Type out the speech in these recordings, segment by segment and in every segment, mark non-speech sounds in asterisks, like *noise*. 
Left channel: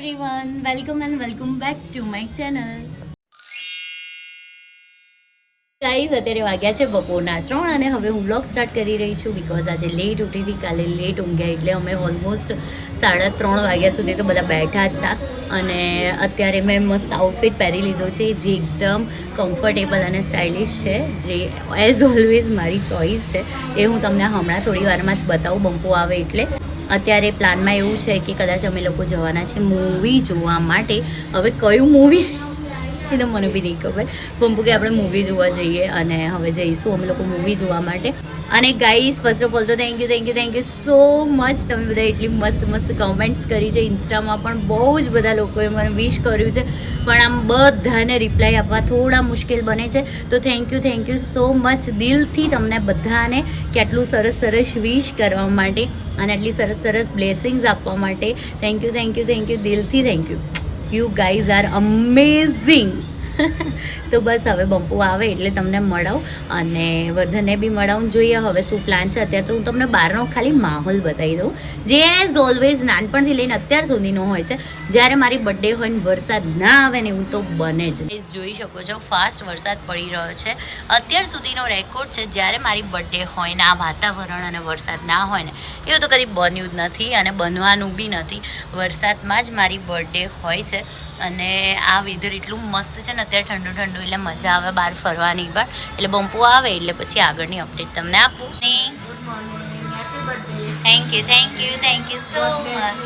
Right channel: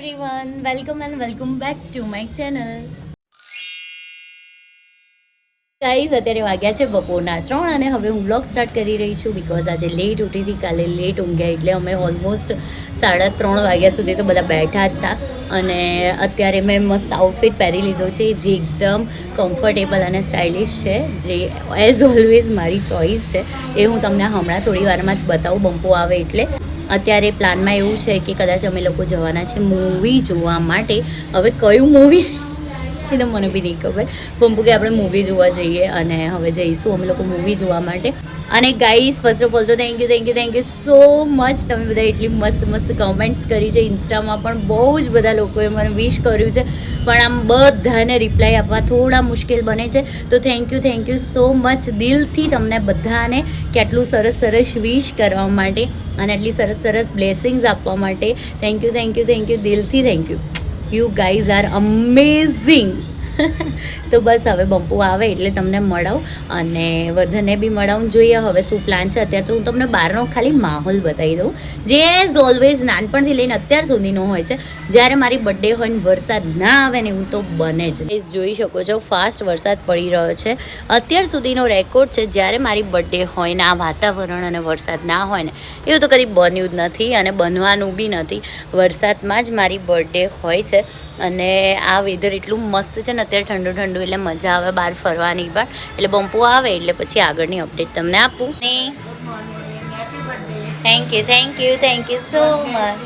Everyone welcome and welcome back to my channel guys અત્યારે વાગ્યા છે બપોરના ત્રણ અને હવે હું બ્લોગ સ્ટાર્ટ કરી રહી છું બિકોઝ આજે લેટ ઉઠી હતી, કાલે લેટ ઊંઘ્યા એટલે અમે ઓલમોસ્ટ સાડા ત્રણ વાગ્યા સુધી તો બધા બેઠા હતા. અને અત્યારે મેં મસ્ત આઉટફિટ પહેરી લીધો છે, જે એકદમ કમ્ફર્ટેબલ અને સ્ટાઇલિશ છે, જે એઝ ઓલવેઝ મારી ચોઈસ છે. એ હું તમને હમણાં થોડી વારમાં જ બતાવું બંપો આવે એટલે. અત્યારે પ્લાનમાં એવું છે કે કદાચ અમે લોકો જવાના છે મૂવી જોવા માટે. હવે કયું મૂવી એ મને બી નહીં ખબર. પંપુ કે આપણે મૂવી જોવા જઈએ અને હવે જઈશું અમે લોકો મૂવી જોવા માટે. અને ગાઈસ ફર્સ્ટ ઓફ ઓલ તો thank you thank you thank you so much તમે બધા એટલી મસ્ત મસ્ત કમેન્ટ્સ કરી છે. ઇન્સ્ટામાં પણ બહુ જ બધા લોકોએ મને વિશ કર્યું છે. પણ આમ બધાને રિપ્લાય આપવા થોડા મુશ્કેલ બને છે. તો thank you thank you so much દિલથી તમને બધાને કેટલું સરસ સરસ વિશ કરવા માટે અને એટલી સરસ સરસ બ્લેસિંગ્સ આપવા માટે. Thank you thank you thank you દિલથી thank you you guys are amazing. તો બસ હવે બંપુ આવે એટલે તમને મળાવું અને વર્ધનને બી મળાવું જોઈએ હવે શું પ્લાન છે. અત્યારે તો હું તમને બહારનો ખાલી માહોલ બતાવી દઉં. જે એઝ ઓલવેઝ નાનપણથી લઈને અત્યાર સુધીનો હોય છે. જ્યારે મારી બર્થડે હોય ને વરસાદ ના આવે ને એવું તો બને જ એ જોઈ શકો છો ફાસ્ટ વરસાદ પડી રહ્યો છે. અત્યાર સુધીનો રેકોર્ડ છે. જ્યારે મારી બર્થડે હોય ને, આ વાતાવરણ અને વરસાદ ના હોય ને એવું તો કદી બન્યું જ નથી અને બનવાનું બી નથી. વરસાદમાં જ મારી બર્થડે હોય છે અને આ વેધર એટલું મસ્ત છે ને અત્યારે ઠંડુ ઠંડુ એટલે મજા આવે બહાર ફરવાની પણ. એટલે બમ્પુ આવે એટલે પછી આગળની અપડેટ તમને આપું. Thank you thank you thank you so much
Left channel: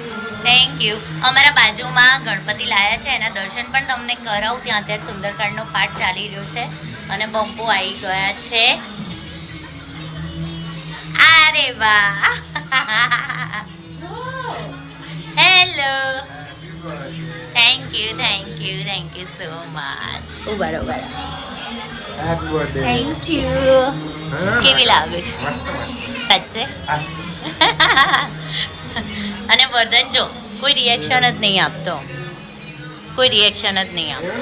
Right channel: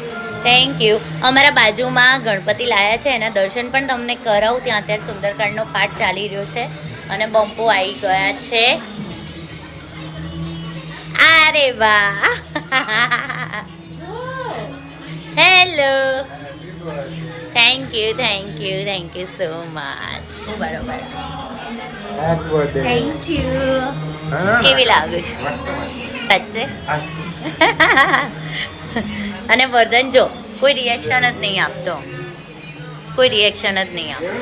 thank you અમારા બાજુમાં ગણપતિ લાયા છે એના દર્શન પણ તમને કરાવું ત્યાં અત્યારે સુંદરકાંડનો પાઠ ચાલી રહ્યો છે. અને બમ્પો આવી ગયા છે. અરે વાહ. Hello thank you thank you thank you so much બરોબર. થેન્ક યુ કેવી લાગે છે. સાચે? અને વર્ધન જો કોઈ રિએક્શન જ નહીં આપતો. કોઈ રિએક્શન જ નહીં આપતો.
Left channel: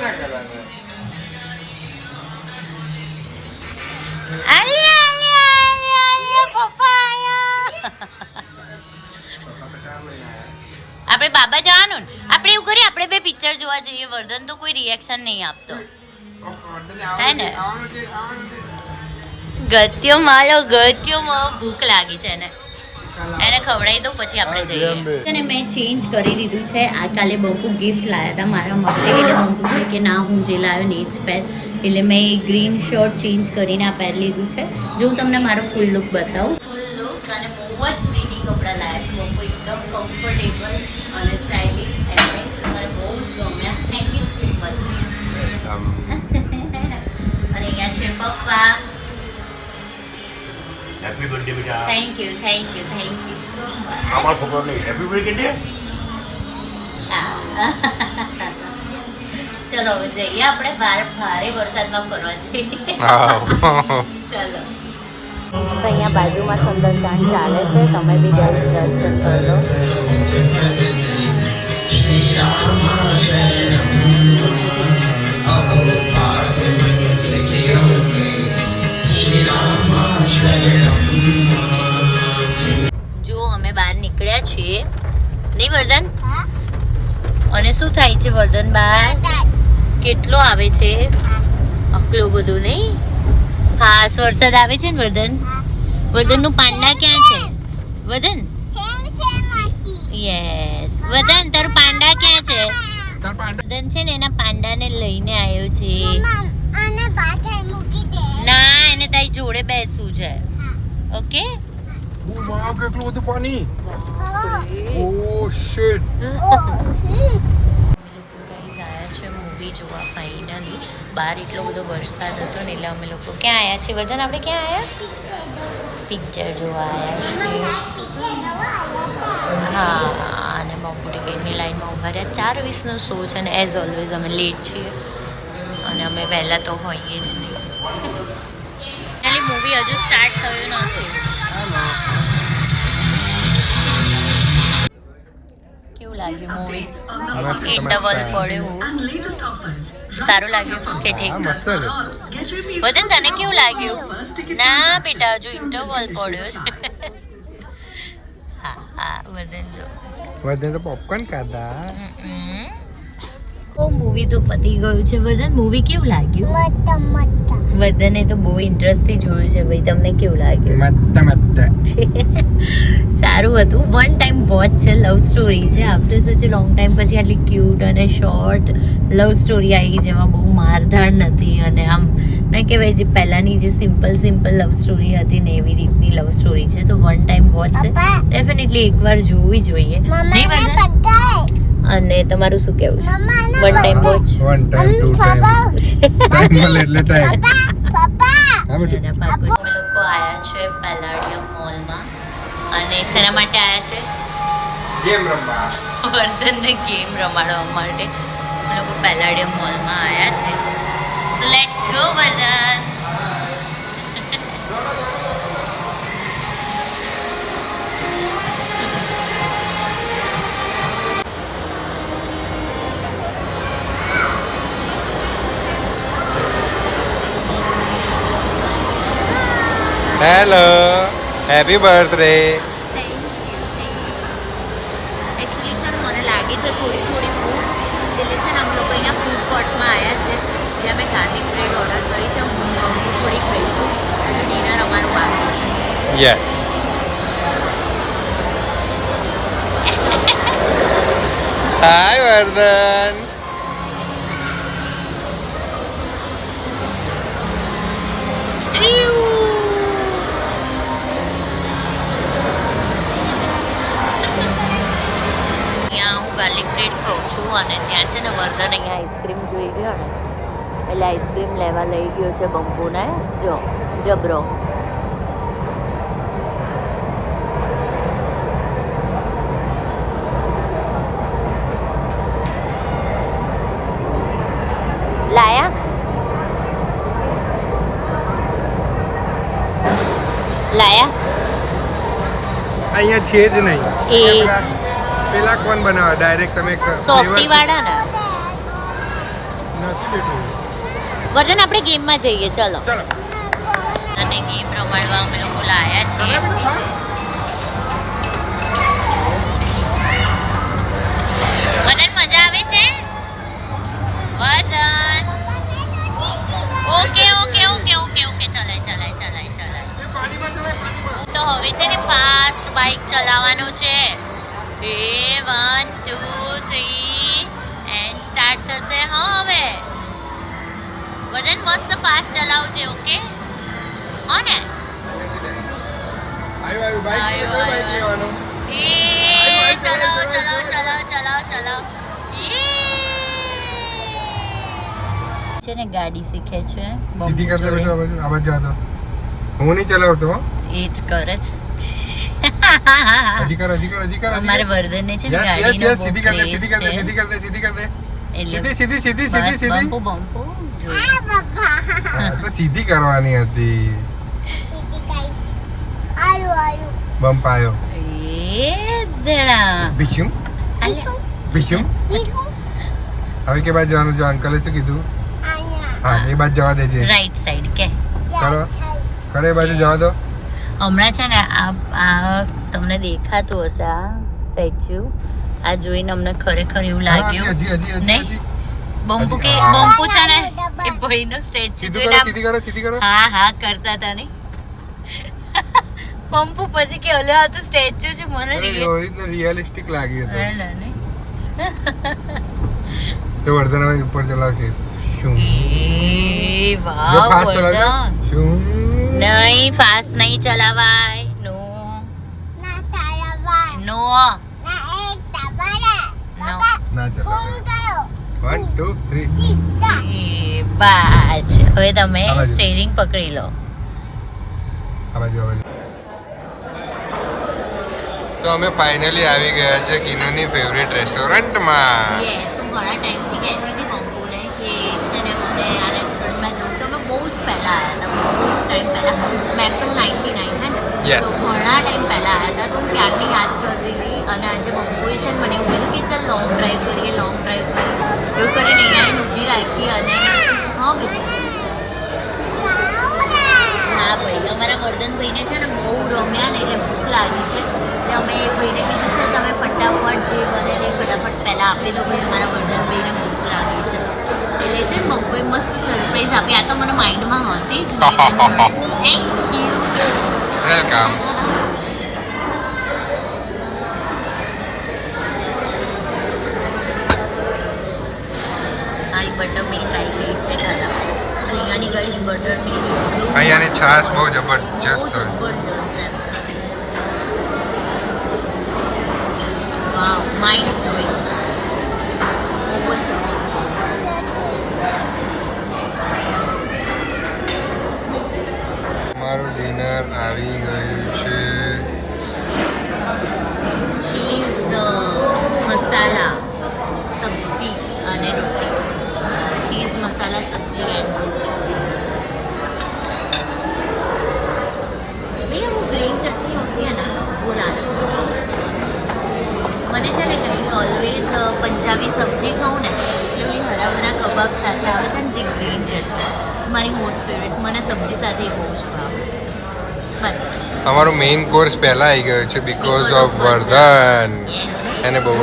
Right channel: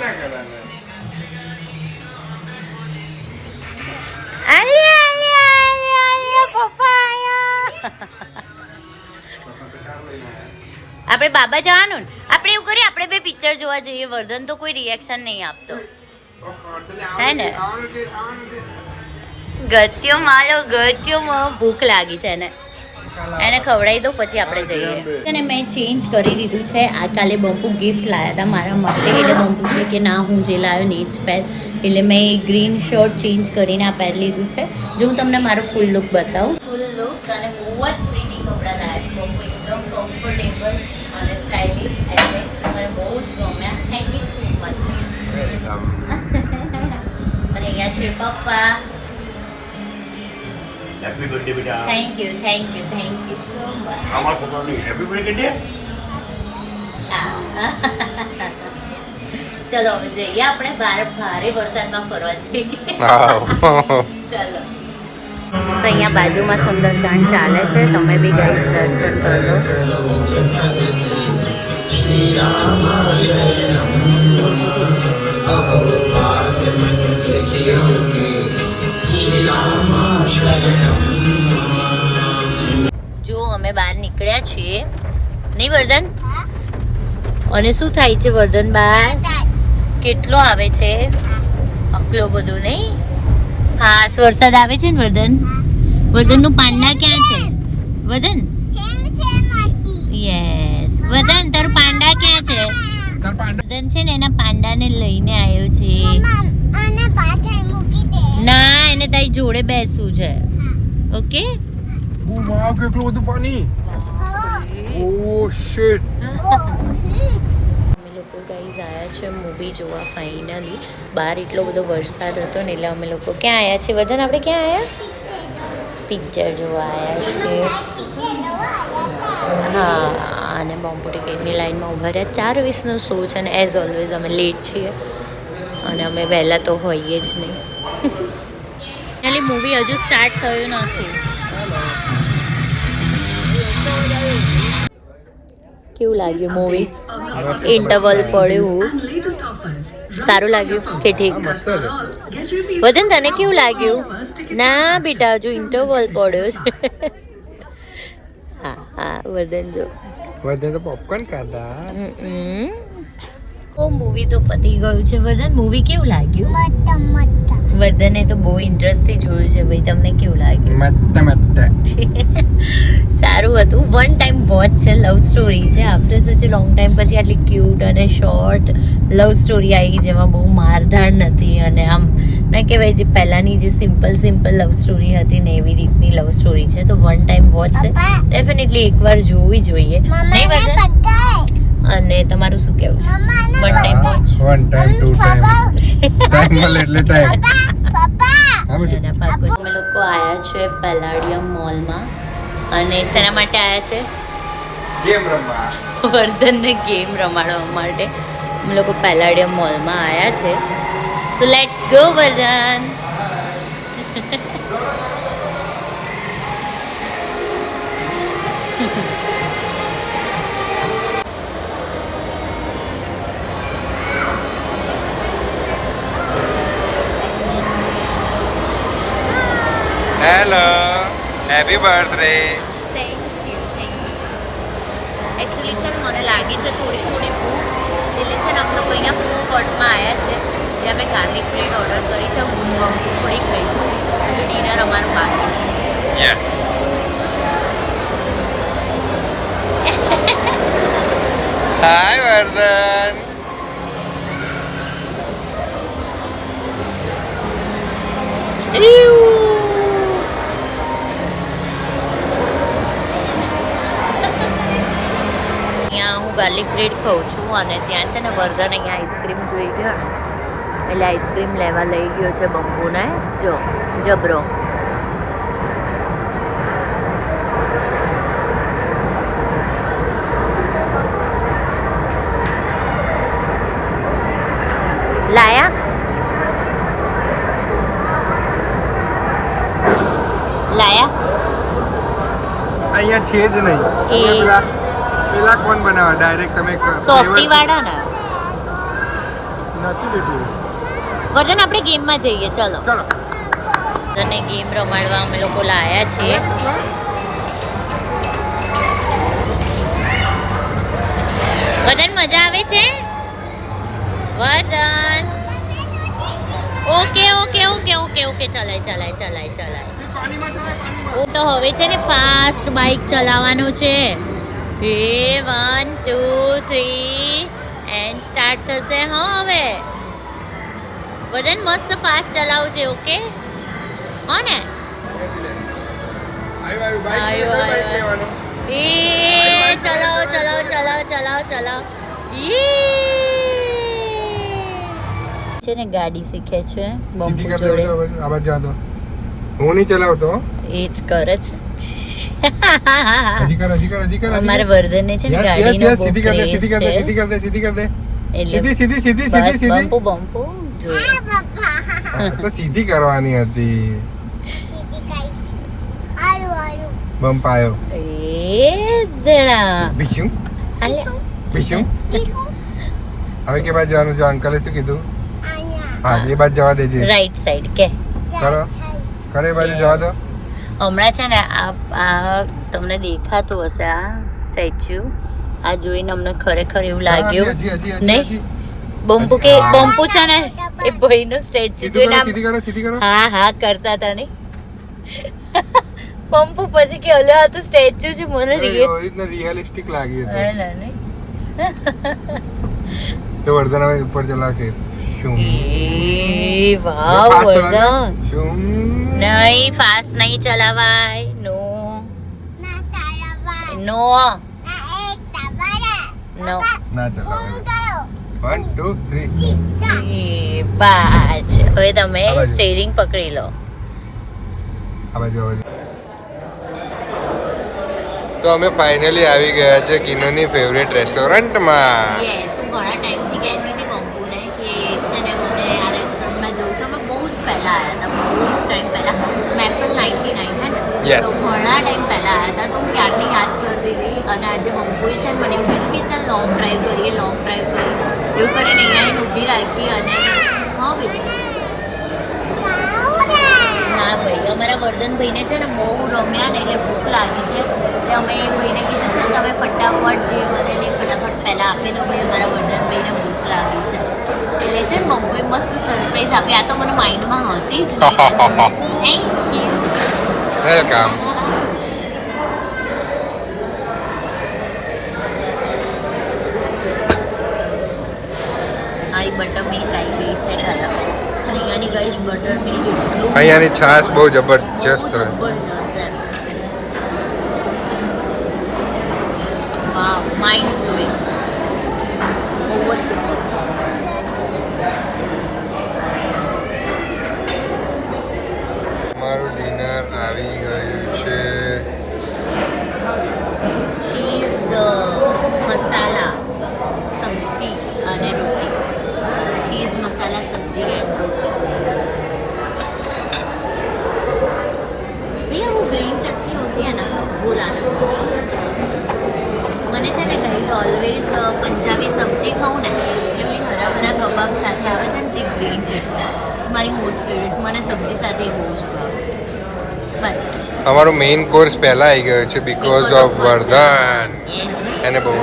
એવું આપણે બાબા જવાનું ને. આપણે એવું કરીએ આપણે બે પિક્ચર જોવા જઈએ. વર્ધન તો કોઈ રિએક્શન નહીં આપતો. હે ને? ગત્યો માલો ભૂખ લાગી છે એને. એને ખવડાવી દો પછી આપણે જઈએ. અને મેં ચેન્જ કરી દીધું છે. આ કાલે બંપુ ગિફ્ટ લાવ્યા હતા મારા માટે. એટલે બંપુ કે ના હું જે લાવ્યો ને એ જ પહેર એટલે મેં ગ્રીન શર્ટ ચેન્જ કરીને આ પહેરી લીધું છે. જો હું તમને મારો ફૂલ લુક બતાવું. ફૂલ લુક અને બહુ જ પ્રીટી કપડાં લાવ્યા છે. બહુ એકદમ કમ્ફર્ટેબલ અને સ્ટાઇલિશ એટલે મને બહુ જ ગમ્યા. Thank you so much. અને અહીંયા છે પપ્પા. હેપી બર્થડે બેટા. Thank you thank you thank you so much અમારા છોકરાને હેપી બર્થડે કે ચલો હવે જઈએ આપણે. બહાર ભારે વરસાદમાં ફરવા જઈએ. ચલો ચાલો. તો અહીંયા બાજુમાં સુંદરકાંડ ચાલે છે. તમે બી જઈ દર્શન કરો જો અમે બહાર નીકળ્યા છીએ. નહીં વર્ધન? અને શું થાય છે વર્ધન બહાર? કેટલો આવે છે? આટલો બધો નહીં? ખાસ વરસાદ આવે છે ને વદન? વદનનું પાંડા ક્યાં છે? વદન? યસ વદન તાર પાંડા ક્યાં છે? વદન છે ને એના પાંડાને લઈને આવ્યો છે. ના એને તારી જોડે બેસવું છે. ઓકે? કેટલું બધું પાણી. ઓ shit. *laughs* લોકો ગાઈઝ આવ્યા છે મૂવી જોવા ફાઇનલી બહાર એટલો બધો વરસાદ હતો ને એટલે અમે લોકો ક્યાં આવ્યા છે વધન આપણે ક્યાં આવ્યા પિક્ચર જોવા આવ્યા છે હા, અને બોમ્બુ ટિકિટની લાઈનમાં ઊભા રહ્યા. ચાર વીસનો શો છે અને એઝ ઓલવેઝ અમે લેટ છીએ. અને અમે વહેલા તો હોઈએ જ નહીં. મૂવી હજુ સ્ટાર્ટ થયું નથી Hello. કેવું લાગ્યું મૂવી ઇન્ટરવલ પડ્યું. સારું લાગ્યું. કે ઠીક. વતન તને કેવું લાગ્યું? ના બેટા હજુ ઇન્ટરવલ પડ્યો છે. હા હા વદન જો. વધન તો પોપકોર્ન ખાધા. તો મૂવી તો પતી ગયું છે. વર્ધન મૂવી કેવું લાગ્યું? વર્ધને તો બહુ ઇન્ટરેસ્ટથી જોયું છે. ભાઈ તમને કેવું લાગ્યું? *laughs* સારું હતું. વન ટાઈમ વોચ છે લવ સ્ટોરી છે. આફ્ટર સચ લોંગ ટાઈમ પછી આટલી ક્યુટ અને શોર્ટ લવ સ્ટોરી આવી જેમાં બહુ મારધાડ નથી. અને આમ ના કહેવાય જે પહેલાંની જે સિમ્પલ સિમ્પલ લવ સ્ટોરી હતી ને એવી રીતની લવ સ્ટોરી છે. તો વન ટાઈમ વોચ છે. ડેફિનેટલી એકવાર જોવી જોઈએ. નહીં વર્ધન? અને તમારું શું કહેવું છે? One time watch one time two time time એટલે ટાઈમ અમે લોકો આવ્યા છે પેલાડિયમ મોલમાં અને શેના માટે આવ્યા છે? ગેમ રમવા. વર્ધનને ગેમ રમાડવા માટે. અમે લોકો પેલાડિયમ મોલમાં આવ્યા છે. So let's go Vardhan. Hello happy birthday thank you thank you actually છે મને લાગે છે થોડી થોડી ભૂખ. એટલે છે ને અમે લોકો અહીંયા ફૂડ કોર્ટમાં આવ્યા છે જ્યાં મેં ગાર્લિક બ્રેડ ઓર્ડર કરી છે. હું મમ્મી થોડી ખાઈશું હજુ ડિનર અમારું બાકી છે. યસ હાય વર્ધન અહીંયા હું ગાર્લિક બ્રેડ ખાઉં છું અને ત્યાં છે ને વર્ધન અહીંયા આઈસ્ક્રીમ જોઈ ગયો ને એટલે આઈસ્ક્રીમ લેવા લઈ ગયો છે બંપુને જો જબરો. લાયા? લાયા? અહીંયા છે જ નહીં. એ પેલા કોણ બનાવે? ડાયરેક્ટ તમે સોફ્ટી વાળા ને નથી બેઠું. વર્ધન આપણે ગેમમાં જઈએ ચલો. ચલો. અને ગેમ રમાડવા અમે લોકો લાયા છીએ. વર્ધન મજા આવે છે? Vardhan okay okay okay okay okay ચલાય ચલાય ચલાય ચલાય. તો હવે છે ને ફાસ્ટ બાઇક ચલાવવાનું છે. એ one two three and start થશે હા હવે. વજન મસ્ત ફાસ્ટ ચલાવજે ઓકે હા ને? આવ્યો આવ્યો એ ચલાવો ચલાવો ચલાવો ચલાવો ચલાવો. છે ને ગાડી શીખે છે. સીધી કરતા કર દે જોડે. બેટા, આ બાજુ આ બાજુ જા દો. હું નહીં ચલાવતો. એ જ કરે છે હજી કર હજી કર હજી કર અમારે કર. વર્ધનને છે ગાડી યસ સીધી કર દે સીધી કર દે સીધી કર દે સીધી કર દે. સીધી સીધી સીધી સીધી સીધી. બમ્પુ બમ્પુ તો સીધી કરવાની હતી. બમ્પ આવ્યો. એ જણા ભીષ્મ? અલે, હવે કે બાદ જવાનું જો અંકલે શું કીધું? હા એ બાજુ જવા દેજે. રાઈટ સાઈડ કે. કરો. કરે બાજુ જવા દો. હમણાં છે ને આ તમને દેખાતું હશે આ સ્ટેચ્યુ. આ જોઈને અમને ખરેખર એવું લાગ્યું. નહીં? બમ્પુ બંપુ કે. બંપુ છે ને એ ભાઈનો સ્ટેચ્યુ જોઈને હા હા કરતા હતા ને. પંપુ પછી કે અલે આ તો સ્ટેચ્યુ છે મને રિયલિસ્ટિક લાગી હે હતું. તો વર્ધન હવે ઉપર ચલાવશે. શું? એ વાહ. વર્ધન. શું? નહીં ફાસ્ટ નહીં ચલાવાય. નો. નો નો. ના ચલાવે. વન ટુ થ્રી એ હવે તમે. સ્ટેરિંગ પકડી લો. તો અમે ફાઇનલી આવી ગયા છે કિનોની ફેવરેટ રેસ્ટોરન્ટમાં યસ તું ઘણા ટાઈમથી કહેતી હતી બંપુને કે છે ને મને આ રેસ્ટોરન્ટમાં જવું છે અમે બહુ જ પહેલાં આવ્યા હતા બહુ જ ટાઈમ પહેલાં. મેપલ નાઇન્ટી નાઇન હે ને? તો ઘણા ટાઈમ પહેલાં આવ્યા હતા તો હું ક્યારની યાદ કરતી હતી? અને આજે બંપુએ છે ને મને એવું કીધું કે ચાલ લોંગ ડ્રાઈવ કરીએ લોંગ ડ્રાઈવ કરીએ. એવું કરીને અહીંયા એને ઊભી રાખી અને હા ભાઈ હા ભાઈ અમારા વર્ધનભાઈને છે ને બહુ રમ્યા ને એટલે ભૂખ લાગી છે. એટલે અમે એ ભાઈને કીધું છે તમે ફટાફટ જે બને ને ફટાફટ પહેલાં આપી દો ભાઈ અમારા વર્ધનભાઈને ભૂખ લાગી છે. એટલે છે. મમ્મી મસ્ત સરપ્રાઈઝ આપી. આ તો મને માઇન્ડમાં હતી જ થેન્ક યુ વેલકમ મારી બટર મિલ્ક આવી ગઈ છે ખાધા અને અહીંયાની ગાઈસ બટર મિલ્ક એટલું અહીંયાની છાશ બહુ જબરજસ્ત હોય. જબરજસ્ત એમ. વાવ માઇન્ડ બહુ જ સુપર મારું ડિનર આવી ગયું છે ચીઝ મસાલા સબ્જી અને રોટી ચીઝ મસાલા સબ્જી એન્ડ રોટી भैया वो ग्रीन चटनी होती है ना वो लाना મને છે ને ગાઈઝ ઓલવેઝ પંજાબી સબ્જી ખાઉં ને એટલે ઓલી હરા ભરા કબાબ સાથે આવે છે ને જે ગ્રીન ચટણી મારી મોસ્ટ ફેવરેટ મને સબ્જી સાથે બહુ જ ભાવે. બસ. અમારો મેઇન કોર્સ પહેલા આવી ગયો છે બીકોઝ ઓફ વર્ધન. એને બહુ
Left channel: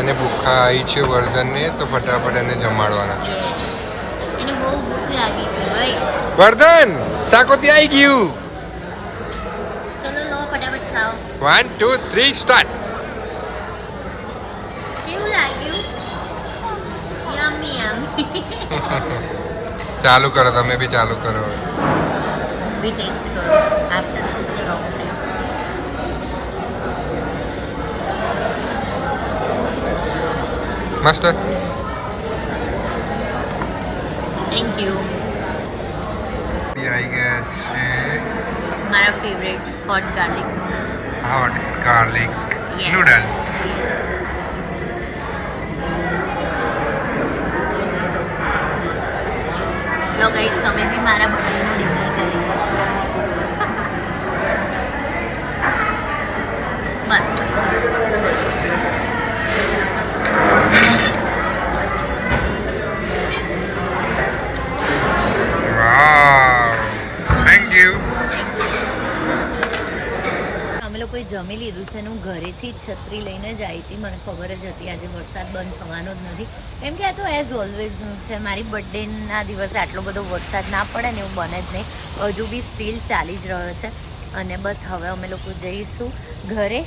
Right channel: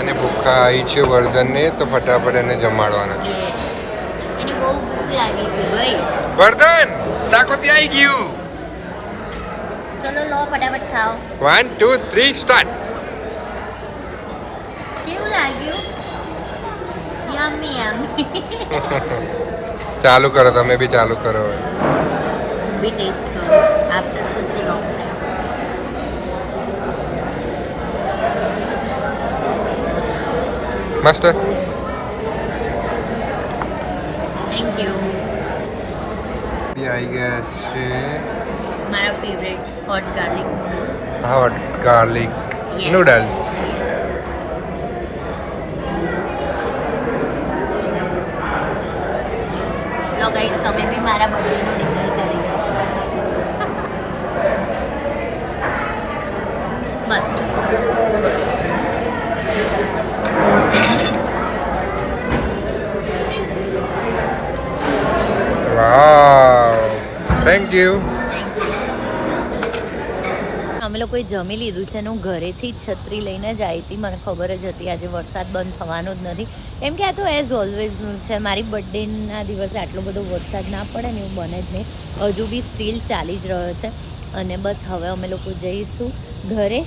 એને ભૂખા આવી છે વર્ધનને તો ફટાફટ એને જમાડવાના છે. એને બહુ ભૂખ લાગી છે ભાઈ. વર્ધન શાકોતી આવી ગયું. ચલો લો ફટાફટ ખાઓ. વન ટુ થ્રી સ્ટાર્ટ કેવું લાગ્યું? યમ્મી યમ્મી *laughs* ચાલુ કરો તમે બી ચાલુ કરો હવે. બી ટેસ્ટ કરો. આફ્ટર મસ્ત? થેન્ક યુ બી આવી ગયા છે. મારા favourite hot garlic noodles hot garlic noodles લો ગાઈસ તમે બી મારા બર્થડેનું ડિનર કરી જમી લીધું છે અને હું ઘરેથી જ છત્રી લઈને જ આવી હતી. મને ખબર જ હતી આજે વરસાદ બંધ થવાનો જ નથી. કેમ કે આ તો એઝ ઓલવેઝનું છે. મારી બર્થડેના દિવસે આટલો બધો વરસાદ ના પડે ને એવું બને જ નહીં. હજુ બી સ્ટીલ ચાલી જ રહ્યો છે. અને બસ હવે અમે લોકો જઈશું ઘરે.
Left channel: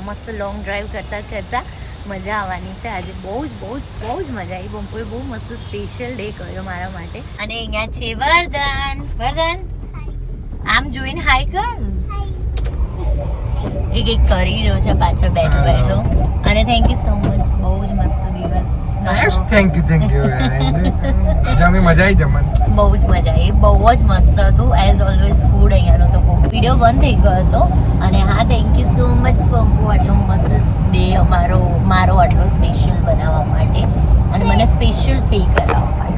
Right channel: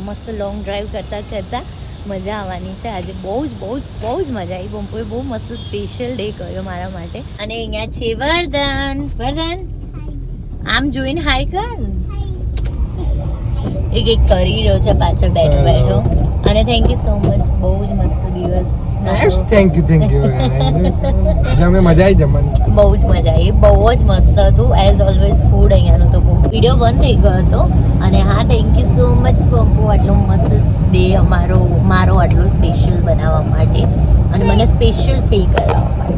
મસ્ત લોંગ ડ્રાઈવ કરતાં કરતાં મજા આવવાની છે. આજે બહુ જ બહુ જ બહુ જ મજા આવી. બમ્પોએ બહુ મસ્ત સ્પેશિયલ ડે કર્યો મારા માટે. અને અહીંયા છે વરદાન. વરદાન? આમ જોઈને હાય કર. એ કંઈક કરી રહ્યો છે પાછળ બેઠો બેઠો. અને થેન્ક યુ સો મચ બહુ જ મસ્ત દિવસ મારો. થેન્ક યુ થેન્ક યુ જમી મજા આવી જમવાની. બહુ જ મજા આવી. બહુ જ મસ્ત હતું. એઝ ઓલવેઝ ફૂડ અહીંયાનો તો બહુ. વીડિયો બંધ થઈ ગયો હતો. અને હા thank you so much Pappu આટલો મસ્ત ડે અમારો મારો આટલો સ્પેશિયલ બનાવવા માટે. અને મને સ્પેશિયલ ફીલ કરાવવા માટે.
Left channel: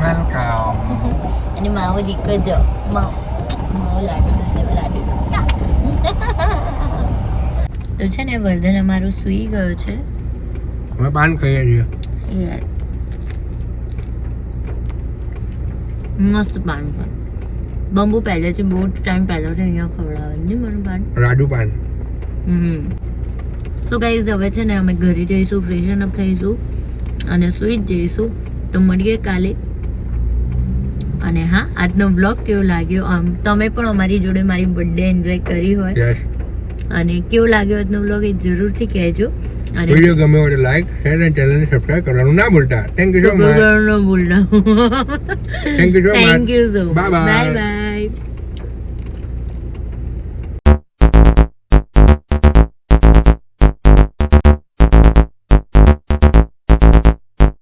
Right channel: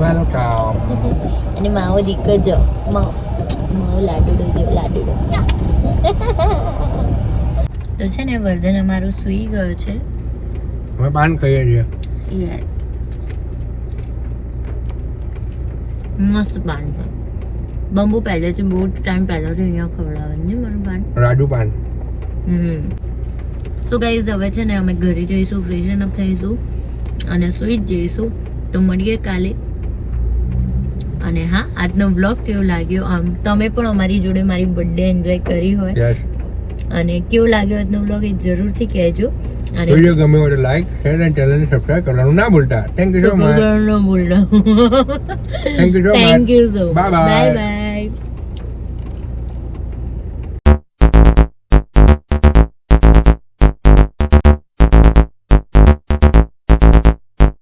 *laughs* અને માવો દીકર જો માવો લાડુ લાડુડો *laughs* તો છે ને વર્ધન અમારો સૂઈ ગયો છે. અમે પાન ખાઈએ છીએ. મસ્ત પાન છે. બંબુ પહેલેથી બહુ ટાઈમ પહેલાથી અહીંયા ખવડાવે ને મારું પાન. રાડુ પાન. હમ. સો ગાઈઝ હવે છે ને અમે ઘરે જઈશું ફ્રેશન અપ થઈશું અને સુઈ જ જઈશું. તો મળીએ કાલે. અને હા આજનો વ્લોગ કેવો લાગ્યો? આમ તમે પણ અમારી જોડે મારી બર્થડે એન્જોય કરી હોય. અને કેવો લાગ્યો આજનો વ્લોગ એ જરૂરથી કહેજો. અને વિડિયો ગમે હોય તો લાઈક શેર અને ચેનલને સબસ્ક્રાઇબ કરવાનું ના ભૂલતા. થેન્ક યુ સો મચ ન ભૂલતા. Thank you so much. Bye bye